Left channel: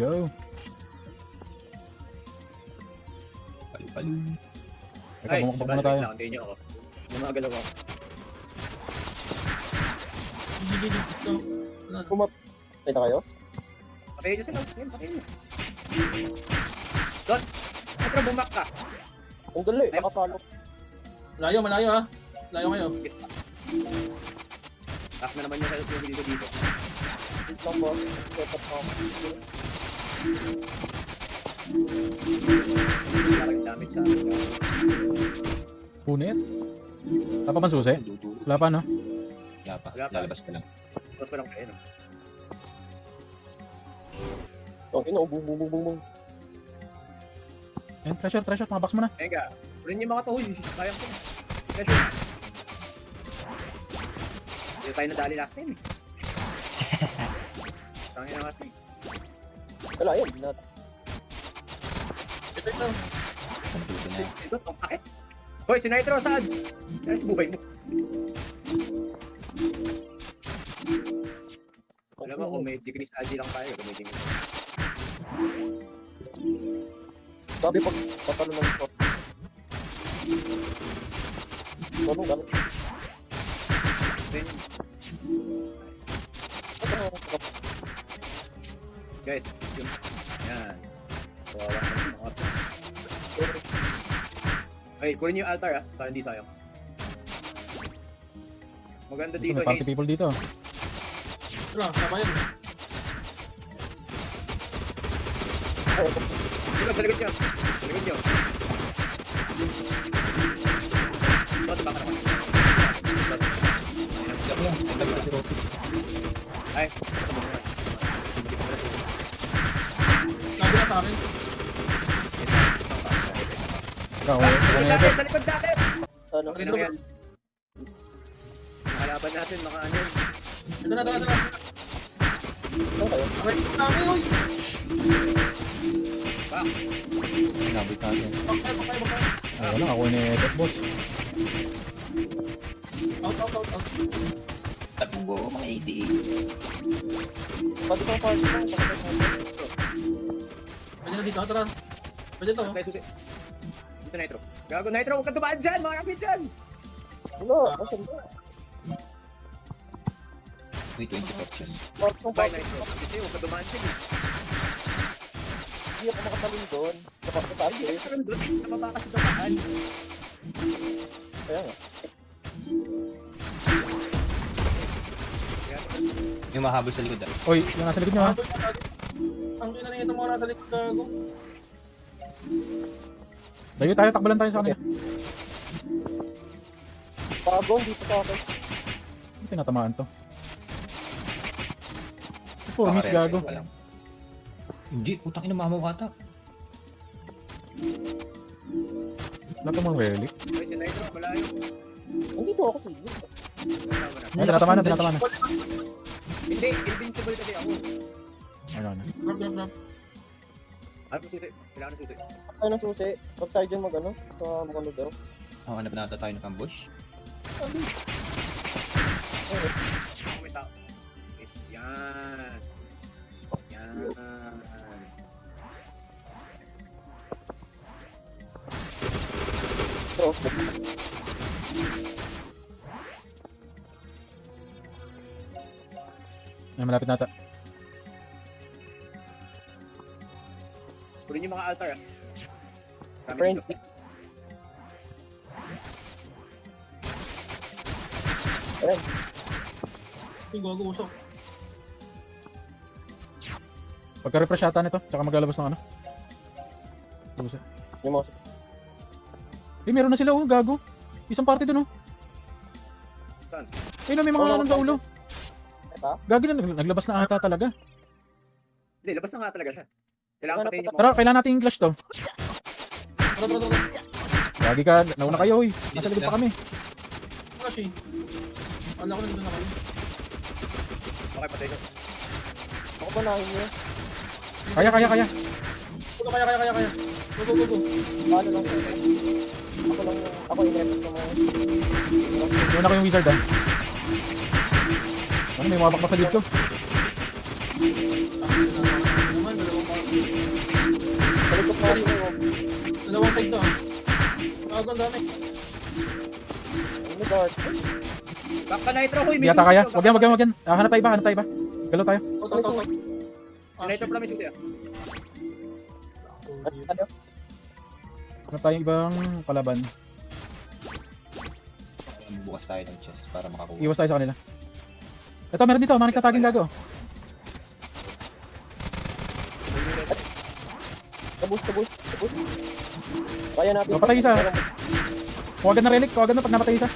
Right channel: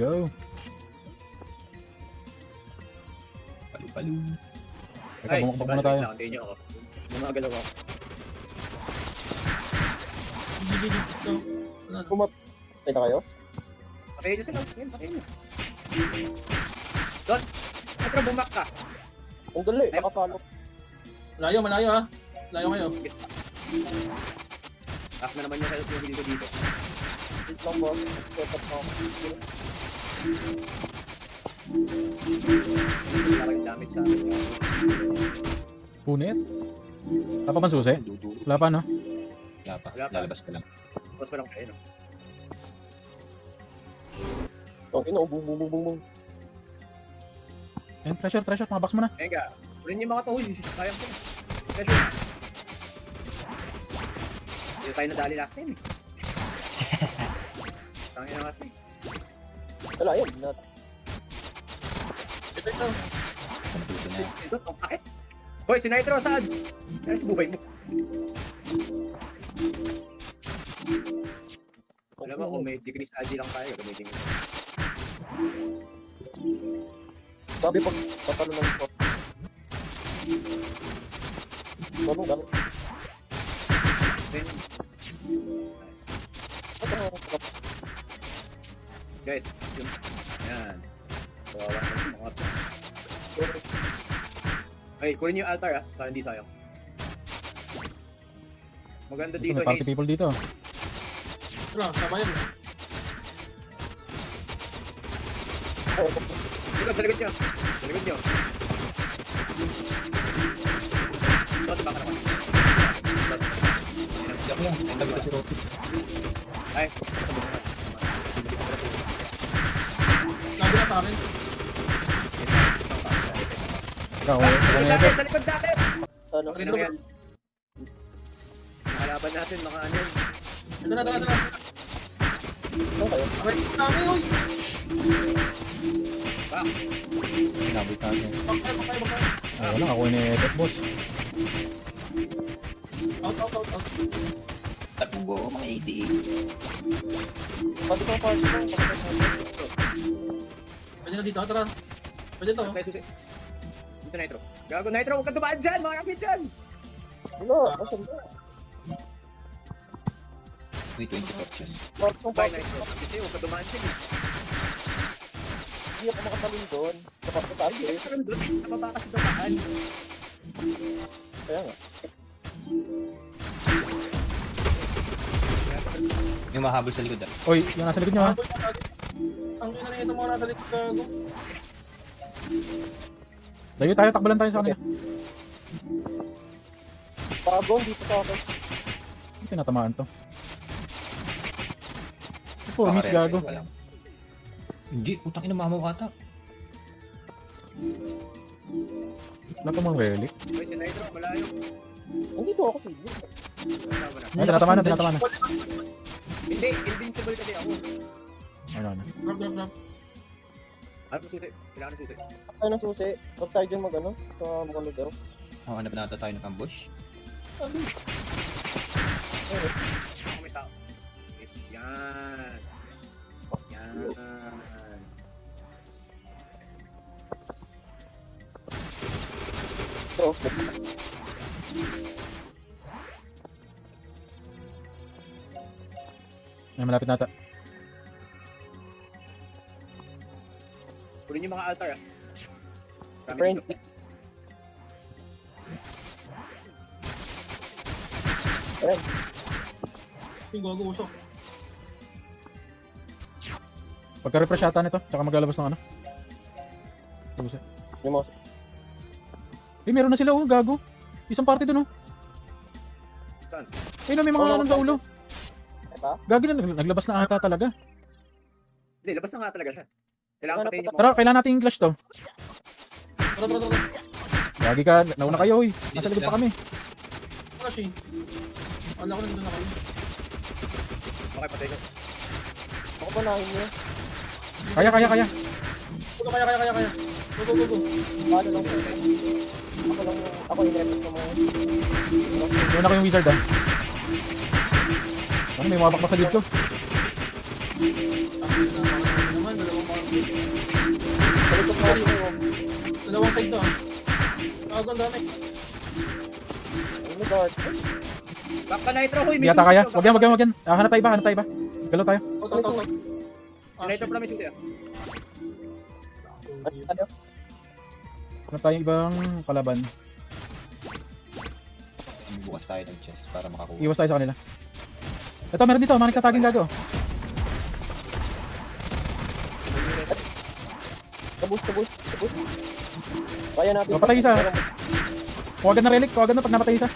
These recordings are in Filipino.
go. Paling-paling. Ay, Bumababa na tayo. hindi nyo ako. Yung mga galaw ako. Ito kayo? Patayin nyo sila. Ayun, patayin nyo. Doon. Ito na bumak ka. Ang dali, nakapalot. Malayo, malayo ha. Malayo kayo. Pak na naman nyo kayo dito dito. Ito mo, ito mo. Parang damage na. Punit. Ako pa susi? Wala pa, no? Wala pa. Wala pa. Lalabas ko lang. Tapos man ako kayo. Ang ino, bumubububong. Ayun, pressure, mabox mo na. Ayun ka. Ulit niyo mga tahoy. Kaya ko. Hindi tayo nadali last time eh. Tangin na mas. Wala yun, natin. Dito na. Ba't ang pakit? Hoy, si Nitro saan? Yes, po ba yun? Alam mo kung may decrease AG lang tayo, gamitin nyo. Sabi po, tatanong mo. Ano, ano? Guys, yan. Okay, kunin yung altar ha, para hindi sayang. Maganda dito May party is, people dito. Ano, sabay mo. sige, sa likod niya. Sa likod niya. Ay. Saan sa akin? Ikaw, Sa likod natin! ano? Ano yan? Kinaban natin, baka ano. Sabi ka. Ang lelet mo. Takbo, mga hindi. Pwede ko yung tayo. Pwede ko dito, tara. Pwede to. Ay, susi. Dito Nitro. Gago Nitro, ang katumaan dyan, mga kapityan! Ano? Bakit ba? Wait, Bye, Nitro. Hindi mo katumaan dyan. Ano ka nagsaling doon? Nakapasal eh. Sa mga kasatumaan. Yung mahabol sa likod ah. Oy, yung nasa likod niya. ha? Ang ina nito mo nasa likod na. Dahil tayo, takbalan tayo sa kanila. Pabong dito sa akin. Hindi tinatamaan to. Oh, mas gago. Hindi, putang ina mamaw ata. Wala pa mong relic. Hoy, si Nitro, malayo. Hindi po ako sige. Ano, tinatamaan na, tinatamaan na. Hindi, invincible kami ako. Wala na. Problem lang. Ano susi? Kailangan ng susi. Ano susi? Huwag tayo dyan mag-ano? Makamagaw. Oo, hanap na tayo ng ambush. Yes, yan. Yan. Oh. Ay, malapit na ito. Huwag niyo mga altar ah. Friend. Yung gago ko siya. Pagka-refresh yata nito, tsaka maglalabas ng ano. Ano siya? Yung mouse. Di, meron na sila, oh, gago. Isang party dun, oh. Saan? Ayun, may mga ng ulo. Gago na, naglabas na ata talaga. Hindi, labas na nga talaga siya. Kailangan patayin niyo. Tara, kailangan natin yung clash to. Lagi ka, nauna kayo, hoy. Nasa likod pa kami. Wala siya. Ano ko nandun ako. Okay, patayin na. Baka panahin niyo. Kaya. Kaya. Paano ko? Ako lang yung, ako yung gamit ko mga. Ano ko yung wizard ah? Ano yung mapak masalit ko? Dalawang side to. Tapos ang dami. Back ka Nitro, huy. Hindi yata kaya. Wag yan, wag yan, wag yan. Ah, hanap tayo ba? Hanap tayo ba? Galaw tayo. Si Nitro promise yung kaya. Hanap tayo ibang kalaban. Bukas tayo ng chest para makakuha. Iwas tayo sa kanila. Ito, meron dito. Meron tataging gago. Kaya natin. Napatay isa. Kawagan na relic. Kawagan na pag napatay isa.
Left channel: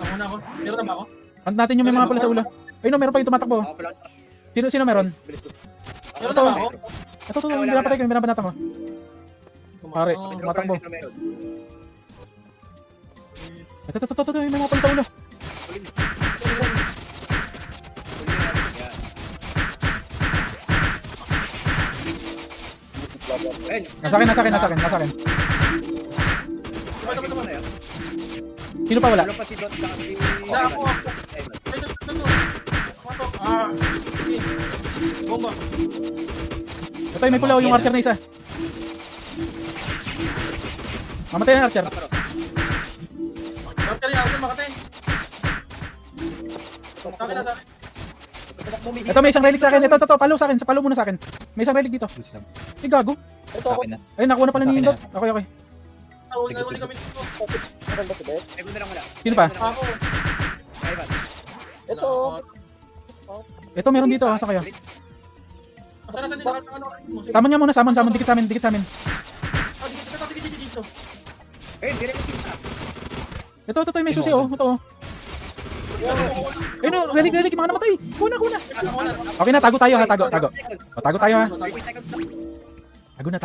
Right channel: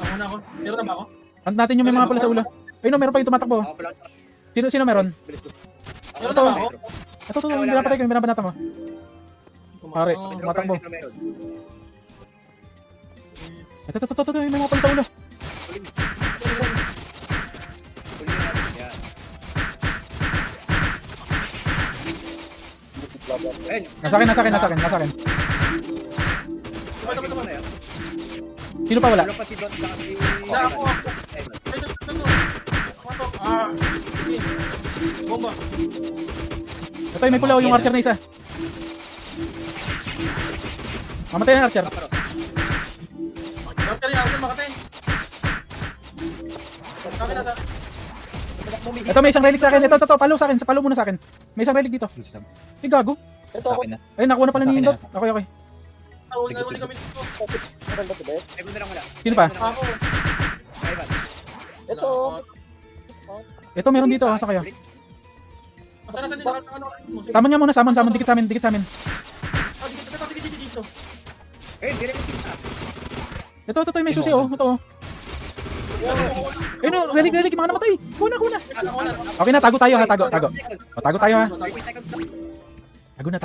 Ako na ako. Meron naman ako. Hunt natin yung may mga pula sa ulo. Ayun, meron pa yung tumatakbo. Sino meron? Ito. Ito, binapatay ko. Binabanata mo. Pare, tumatakbo. Ito, may mga pula sa ulo. Nasa akin. Sino pa wala? Patay, may pula yung archer na isa. Mamatay na archer. Bakit ako makatay? Sabi na sa akin. Ito, may isang relic sa akin. Ito, palo sa akin. Sa palo muna sa akin. May isang relic dito. Ay, gago. Sa akin na. Ay, nakuha na pala niya. Okay. Uli kami dito. Sino pa? Ako. Ito. Ito, meron dito. Sa kayo. Saan dito? Tama nga muna, samon. Dikit sa amin. Ito, tayo may susi, oh. Ito, oh. Ano, relic, baka namatay. Kuna. Okay na, tago tayo, ha. Tago. O, tago tayo, ha. Tago na.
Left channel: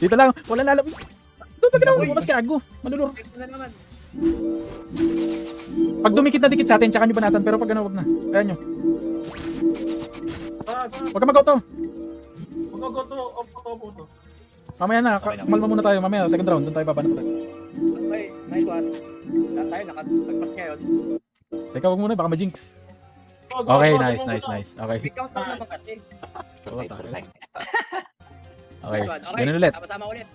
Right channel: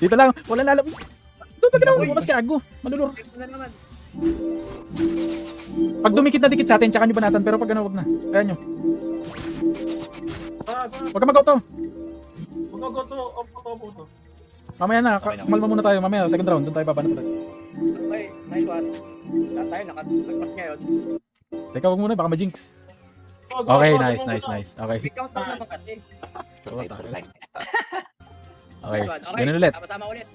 Dito lang, wala lalabi. Ito, tago na, mas gago. Pag dumikit na dikit sa atin, tsaka hindi banatan, pero pag ganun, wag na. Ayan nyo. Huwag ka mag-out to. Mamaya na, malma muna tayo. Mamaya, second round, doon tayo babanat ulit. Okay, nice one. Ayun, nakatagpas ngayon. Teka, huwag muna, baka ma-jinx. Okay, nice. Okay. Ikaw tama ka kasi. Okay, ganun ulit. Sama ulit.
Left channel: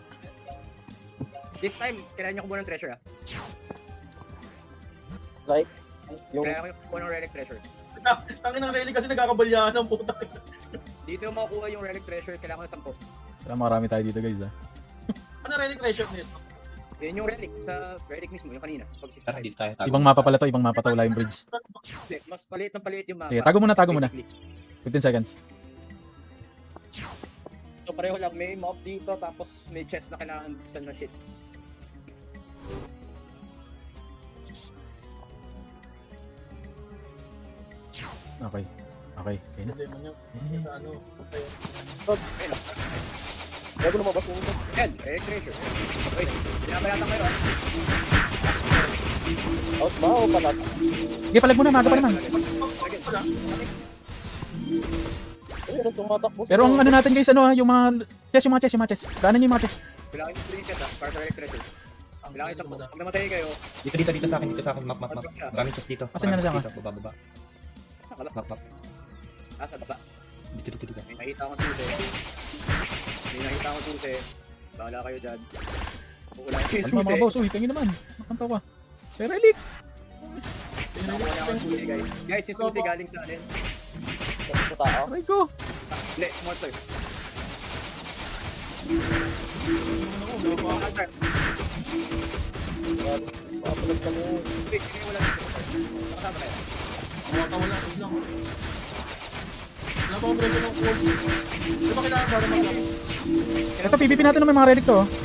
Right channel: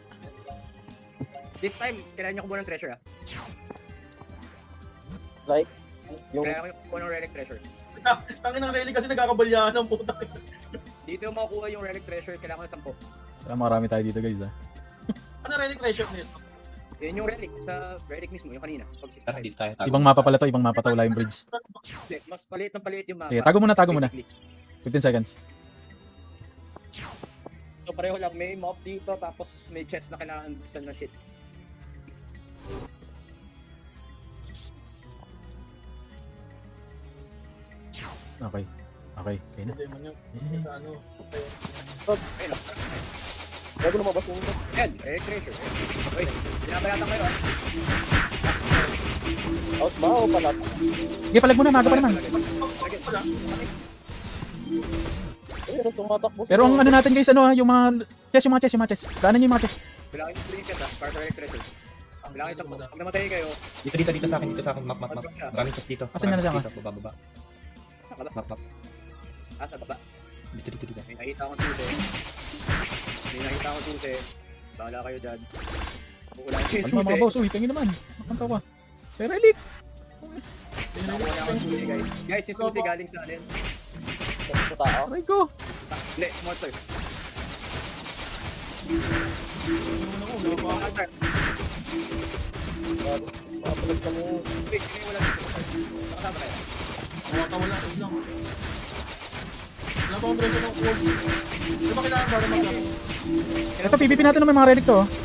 This time, tirahan niyo ko muna ng treasure, ha? Okay. Tirahan ko muna ng relic treasure. Ang inang relic kasi nagkakabalyahan ang puta. Dito yung makukuha yung relic treasure, kailangan ng 10. Marami tayo dito, guys, ha. Ano relic na ito? Yun yung relic sa relic mismo, yung kanina. Tatig tayo. Ibang mapa pala to, ibang mapa to, Lime Bridge. Mas paliit ng paliit yung mga. Okay, tago muna. 15 seconds. So pareho lang, may mode dito, tapos may chest na kailangan buksan na shit. Okay. Ayun na. Ano? Bago na mabasulat. Yun, treasure. Palag muna, bago pa naman. Pero ang ano natin, guys, ano, yung mga chest. Kanan yung mga chest. Kailangan yung screenshot, ha? Para relic treasure. Kailangan sa pag namatay kayo, Dito sa akin. Map. Daming chest dito. Asan na lang? Dito, baba. sa baba. Map. Sa baba. Dito. May nakita ko sa susi. Bahala kayo dyan. Kung wala yung Ano susi. mga boss, uy, kayo naman. Makanto ka. Guys, yung susi galing sa alin. Aray ko. Hindi, small size. Ito, PvP natin ng mga relic to, oh. Yung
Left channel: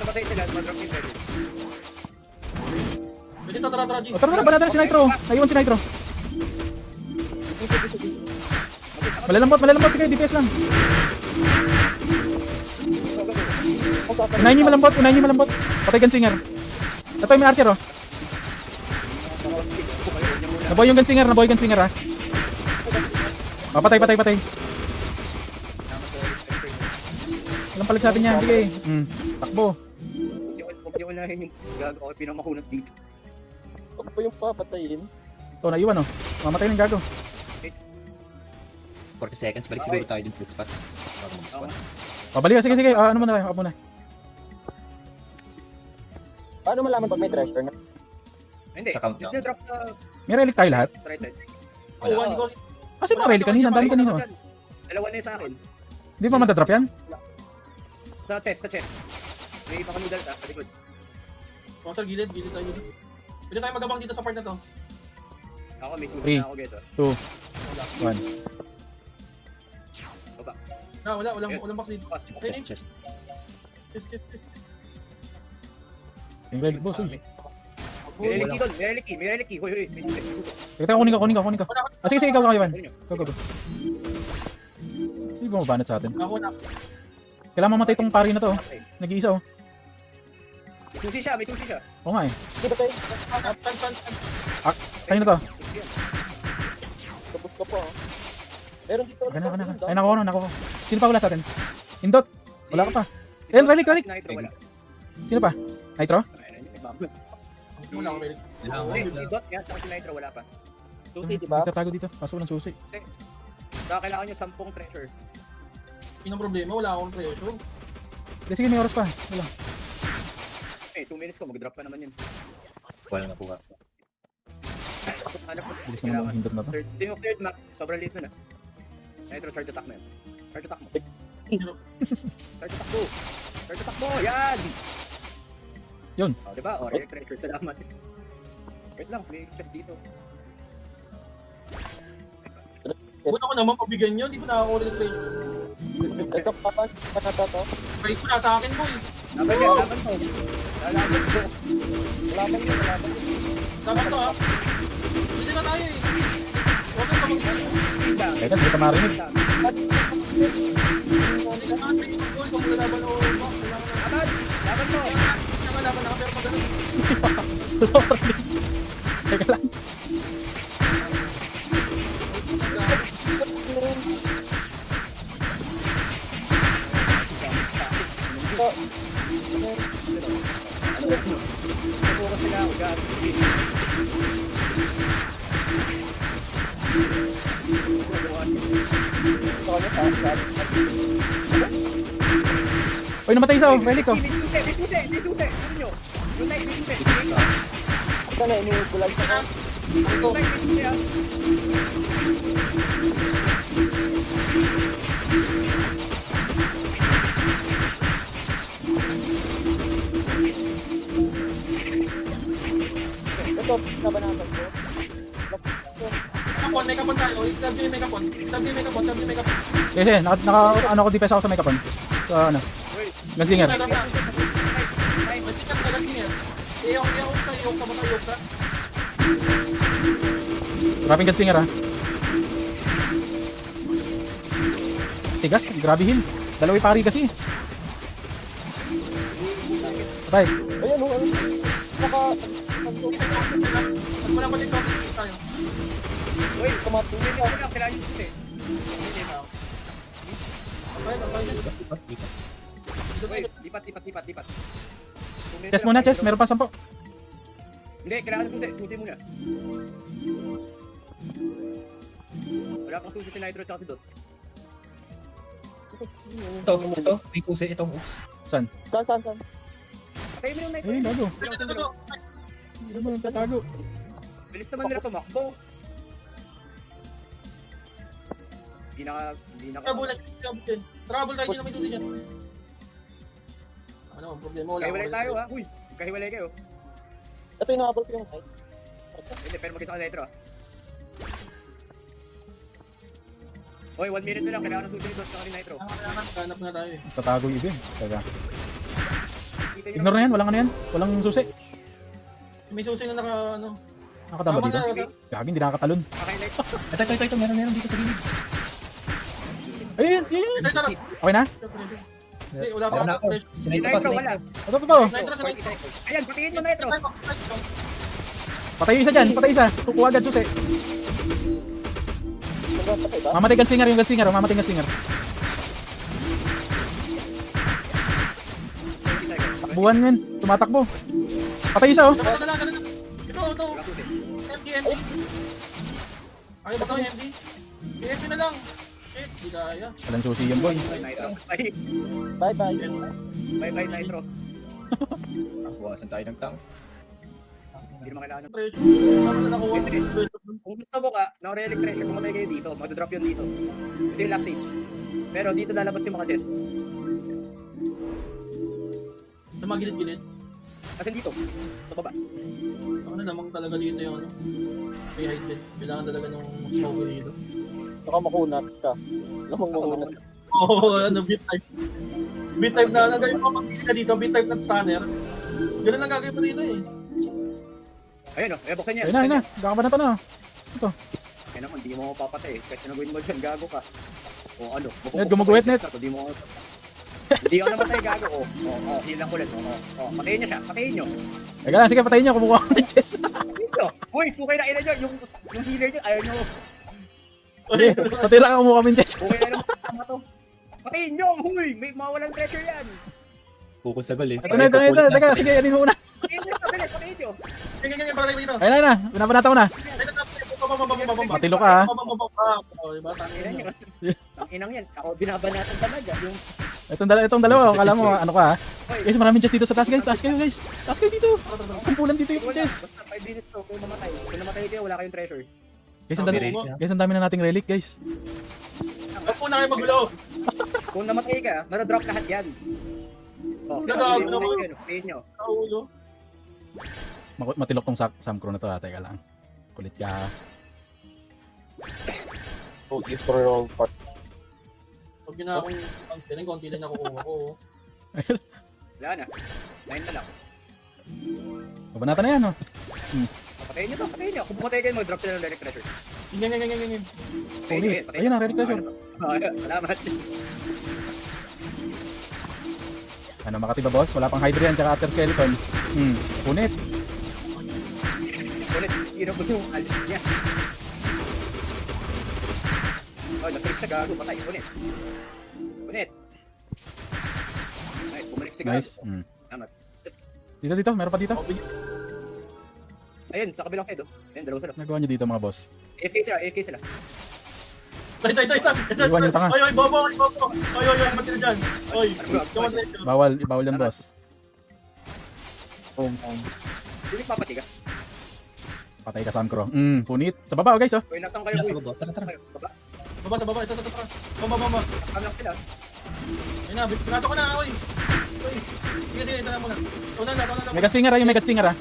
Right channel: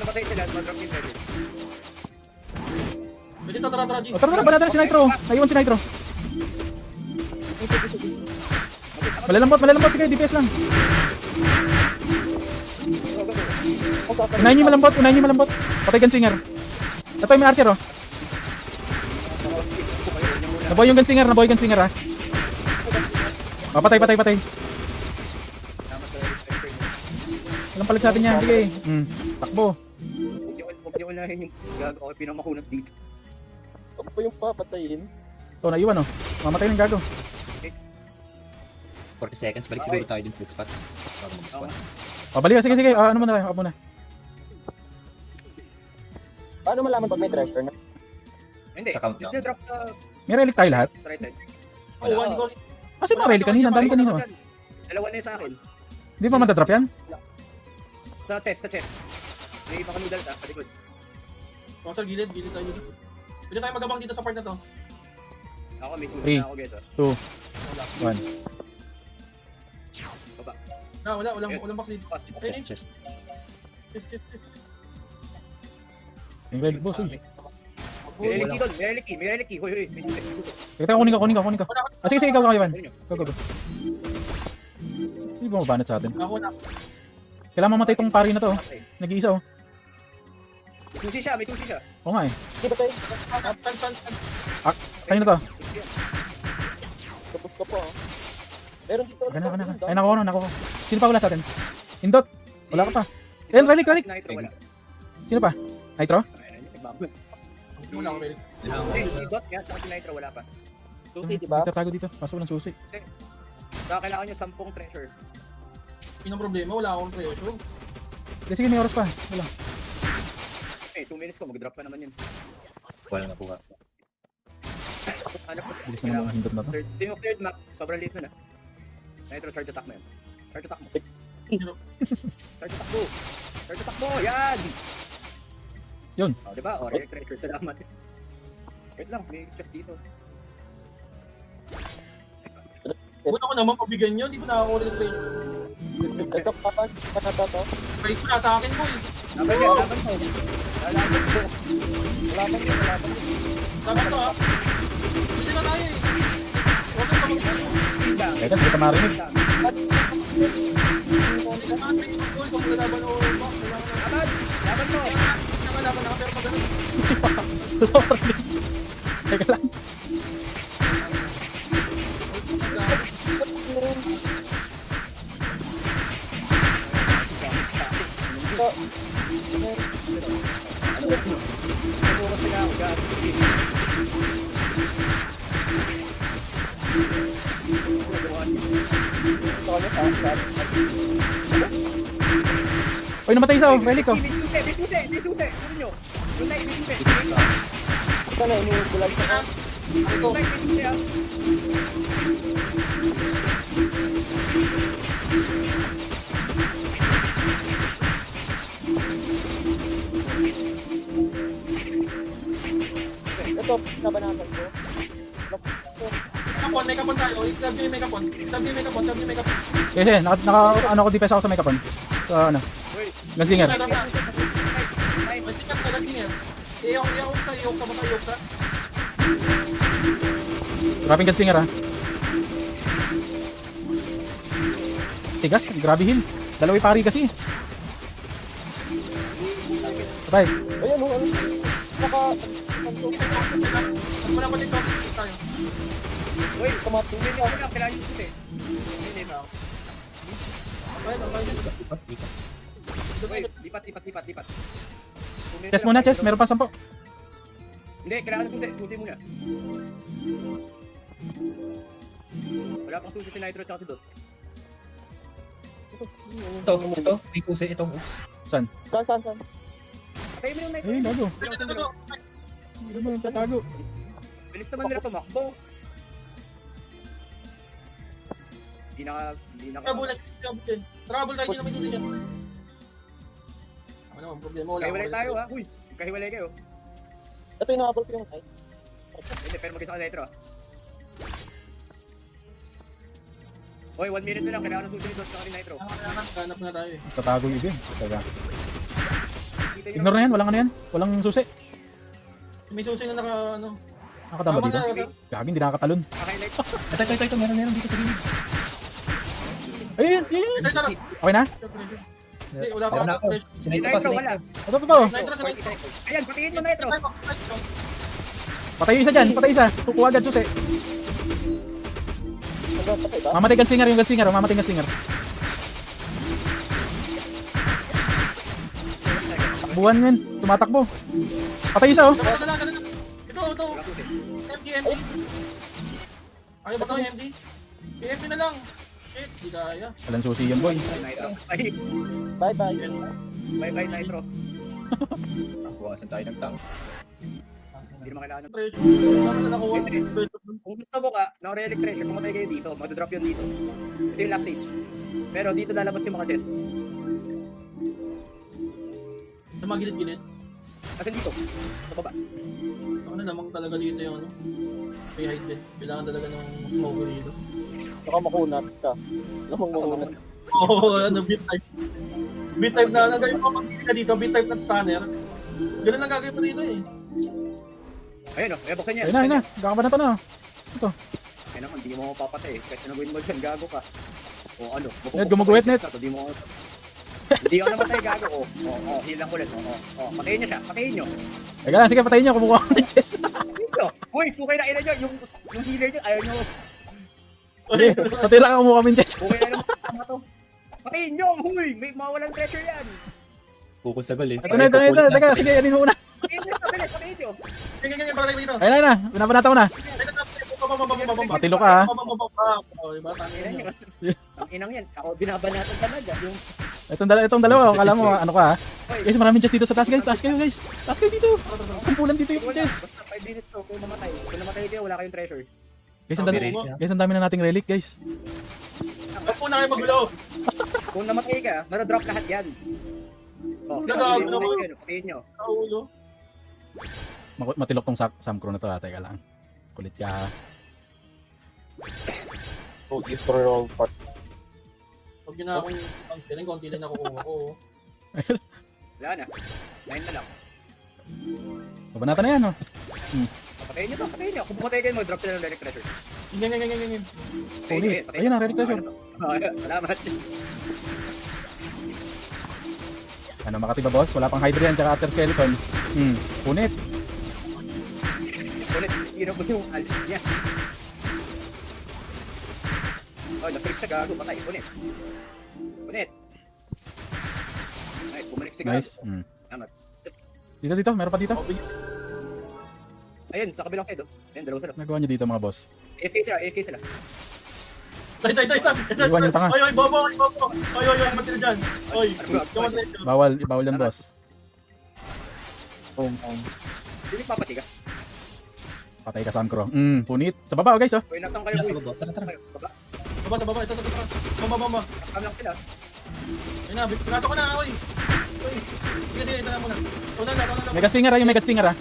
namatay sila, mag-drop yung relic. Dito, tara, G. Tara na, banatan si Nitro. Ayun si Nitro. Malalambot sige, DPS lang. Unahin niyo malambot. Patay Gunsinger. Ito yung archer, oh. Naboy yung Gunsinger, ha. Patay. Yung palig sa atin niya, bili. Takbo. Huwag yung unahin yung sigurado ako pinamakunat dito. Ano pa yung papatayin? Oh, naiwan oh. Mamatay yung gago. 40 seconds, balik siguro tayo din footpath. Mabali, sige, sige. Ano mo na, ako muna. Paano malaman pag may driver na? Hindi. Sa countdown. Drop na. Tayo lahat. Right side. Oh, Kasi mga rally kanina, ang dami kanina. Dalawa na yung sa akin. Hindi pa matadrop yan? Sa test, sa check. Hindi pa kami dalta. Palikod. Pasal gilid tayo. Pwede tayo magabang dito sa part na to. Ako mismo. Three. Ako geto. 2. Walang vaccine. Okay. Chest. Tingnan, boss. Uy. May reliki doon. May reliki. Hoy. Kita, kunin ka. Sige, sige, ikaw, Ivan. Sige. Hindi ba mabanat sa atin? Ako na. Kailangan mamatay itong pari na to. Nag-iisa oh. Hindi siya. May tuti siya. Oo nga eh. Tayo na to. Meron dito. Ay, nakuha. Sino pa wala sa atin? Indot. Wala ka pa. Ayun, balik. Wala. Sino pa? Nitro? Wala ako meron. Si Dot, yung Nitro wala pa. Susi, di ba? Tatago dito. Pasok ng susi. So, kailangan niya 10 treasure. Yung problema, wala akong pressure. Sige, may oras pa. Wala. Eh, 2 minutes ko, mag-drop pa naman yun. Wala na po nga. Hanap ko. Gusto mo mga hindot na to? So, yung third map, sobrang late na. Nitro, third attack na yun. Third attack mo. Third attack mo! Yan! Yun. Diba? O, treasure sa naman. Wait lang, may just dito. Buto ko naman pabigyan nyo, di ko nakakuha ng training. Nag-drop pa pa. Balik ko na sa akin mo eh. Ito, si Tamarinig. Oy, namatay isa oh. Relic oh. Yes, yes. Ano ko defense ako sa makeup. Sa ano? Lasingan. Grabe ka singer oh. Tigas, grabihin. Dalawa yung pari kasi. Patay. Ayan, o. Wait, kumatingin nyo. Wait, ipat. Test muna, test. Meron pa 10. Hindi, kailangan sindi. Sutin mo nga. Wala kang sindi si Nitro at si Dot. Ito. May pusa ito. Saan? Saan? Kayo mo yung Nitro. Ay, bago. Ano ba yung tatago? Bilis naman nila tumakbo. Hindi na Trouble tayo na may tuloy niya. Ano, problema wala. Kahiwalay tayo ha. Uy, kahiwalay kayo. Ito yung nakabol ko yung Hindi, pero mag-isa ka Nitro. Hoy, 1 minute na lang. Kailangan na susunod sa Nitro. Anak ko na tayo eh. Tatago yung game. Tatago. Ignore na yan. Walang ano yan. Walang susi. May susi na Nakataba dito. Gagi, hindi nakakatalon. Highlight. Nakikita ko meron. Ayun, ayun. Okay na? Wala pa. Nitro, wala. Ito, ito. Ayan, patingin mo Nitro. Patay isa dyan. Patay isa. Tukuha dyan, susi. Mamatay kang singer, yung singer. Mamatay kang singer. Takbuhan yun. Tumatakbo. Patay isa oh. ito. FTMD. Ayaw ba ito, FTMD? FTMD na lang. Hindi kaya. Walang susi yun boy. Ay, Bye-bye. bye-bye, Nitro. Buwasan tayo ng tank. Hindi naman kailangan. Ano na nakuha? Kung gusto mo ka, na-relic treasure mo kami dito, mag-drop yun dito. Ito yung last stage. Pero dito lalabas yung mga chest. Sa mga gilid-gilid. Kasi dito, sa baba. Ano namang talaga dito na yun. Behind it. Kailangan talaga ng smoke dito. Saka makunat ka. Oo, ano, beat type. Beat type na lagay mo pag ka dito, beat type na stunner. Ganun lang gagawin mo dito eh. Ayun o, buksan niya. Ayun na. Kakabanata na. Ayun naman, hindi mo ako papatay. Kasi nagawin mo dyan, gago ka. O ano? Net, gumuguhit net. Hindi mo ako. Hindi ako namatay, gago ko. Oo, hilang kulot. Oo, patayin niyo siya, patayin niyo. Teka lang, sige patayin niyo. Kumukuha ko ng chest. Uy, pukay na ina niya, yung healer niya, ayaw niyo. Sige, patira ka kumukuha ng chest. Okay na naman, tama to. Patayin niyo, huy, may mawalan treasure yan. Kukusagol eh. Ito na. Teka, sige, anin mo muna. Patayin niyo, patayin niyo. Sige, sige, parang dito. Ayun na, pinapanata ko na. Matilo ka ha. Tangina niyo. Tanginang yan, ako binabanatan sa mag. Itong dalawa, alam mo, ano ka ha? Guys, maraming chest dito sa taas guys. Taas kayo guys. Taas kayo dito. Simpulan dito yung Wala, chest. basta 5 minutes to, kung mamatay. Kung namatay kayo, wala kayong treasure. Guys, ang dami na nating relic guys. Ako na kayo magulo. Kung namatay ka, marodrop lahat yan. O, patayin niyo. Naulo. Matilok tong Samcro na to ha. Teka lang. Kulit ka ha. Pag ginawa ko yung feeling, konti din ako. Oo. Wala na. 9 na lang. Labanata na yan oh. Patayin niyo, patayin niyo. Kung pumatay kayo, mag-drop sila ng relic treasure. Ganyan. Ayun na, relic treasure. Salamat. Ano makatiba boss? Wala pang hydrogen sa after skeleton. Ngunit. Hero ko to. Alis yan. Oh, na-trip na gago. Patay. Ulit. Ay, bumalik si Nice. Salamat. Dito, meron pa dito. Ayun, sa kabilang side. Ayun, dalawa sila. Nagawa nyo dito mga boss. AFK sila. Ito. Iwan yung tanga. Oy, baba. Oy, kapatid dyan. Oy, Bawal yan boss. Hindi papati ka. Patay ka Samcro. Punit. Sa baba guys oh. Uy, nasaan kayo? Baba. Bumaba. Ano sila? Ayun na, binato ko na, oy. Sige, ito na muna. Una na, Mega stinger ha, yung mega stinger ha.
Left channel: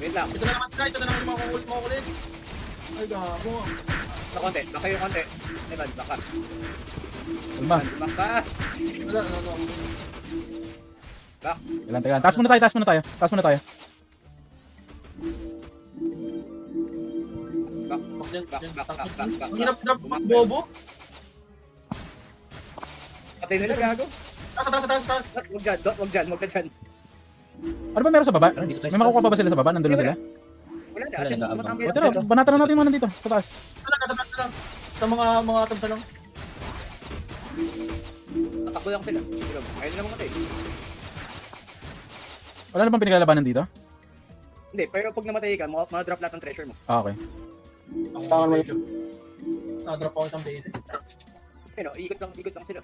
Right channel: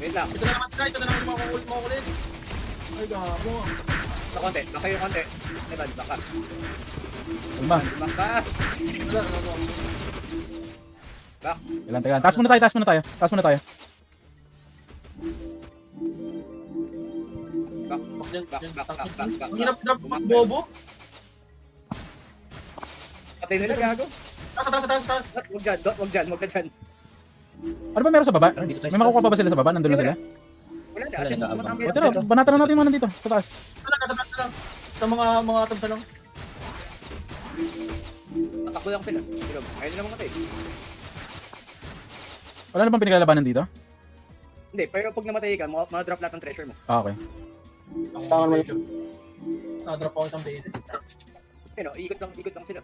Wait lang. ito na naman sila, makukulit. Ay, gago. Sa konti. Baka yung konti. Baka. Ano ba? Bak. Ilan. Taas muna tayo. Ang hirap-hirap ko pag bobo. Patay nila gago. Taas. Wag dyan. Ano ba meron sa baba? May makukuha pa ba sila sa baba? Nandun lang sila? Wala na kasi. O tira, banatan na natin muna dito. Taas. Katatas na lang. Sa mga tabs lang. Tatakbo lang sila. Ayaw nila mamatay. Ano na bang pinaglalabanan dito? Hindi, pero pag namatay ka, ma-drop lahat ng treasure mo. Okay. Tangan mo yun. Drop ako isang beses. Pero, ikot lang sila.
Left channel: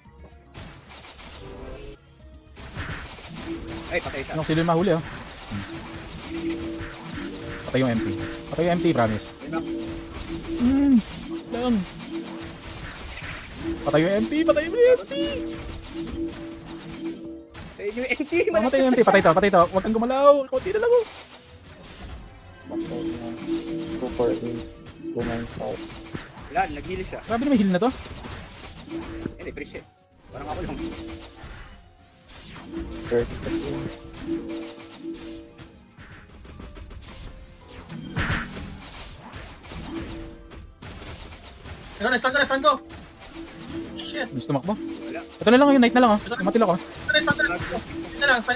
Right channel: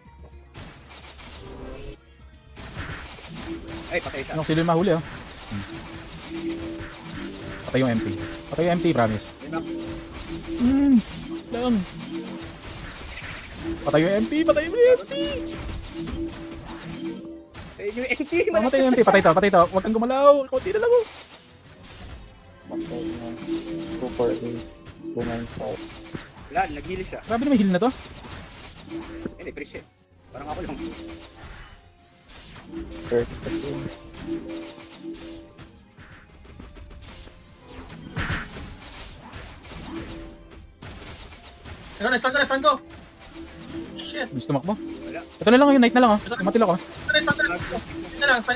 Ay, patay siya. Yung sila mahuli ah. Patay yung MP. Promise. Yan. Patay yung MP. Patay yung NT. Patay yung MP. Patay to. Huwag kang gumalaw. Kunti na lang. Yan, nag-heal siya. Sabi na may heal na to? Hindi, break. Parang ako lang. Saan ka? Gusto makbo? Ito na lang yung night na lang oh. Patil ako. Ito lang. 50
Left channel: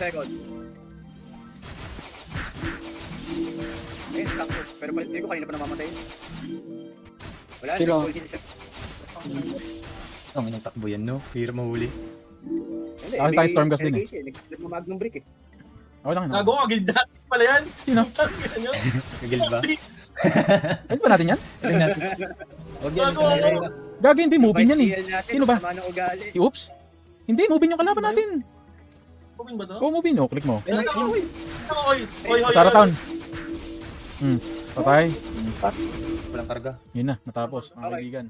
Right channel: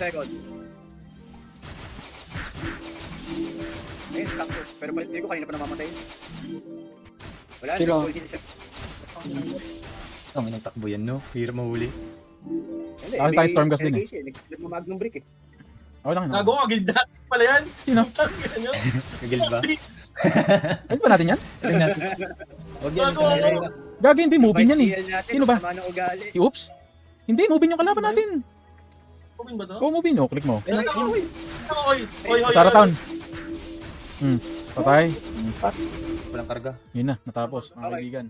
seconds. Pero hindi ko kayo na pa namamatay. Wala na. Sino? Ang inagtakbo yan, no? Hirap mahuli. Ako tayo storm gas din eh. Nag-mag ng brick eh. Walang ino. Gago, agilda. Pala yan. Sino? Ano yun? Tigil ba? Ano ba natin yan? Gago. Bagay hindi moving yan eh. Sino ba? Paano ugali? Si Oops? Hindi, moving yung kalaban natin. Moving ba to? Oo, moving no. Click mo. Hoy, hoy, Sara hoy. Town. Patay. Walang karga. Yun na, natapos. Mga kaibigan.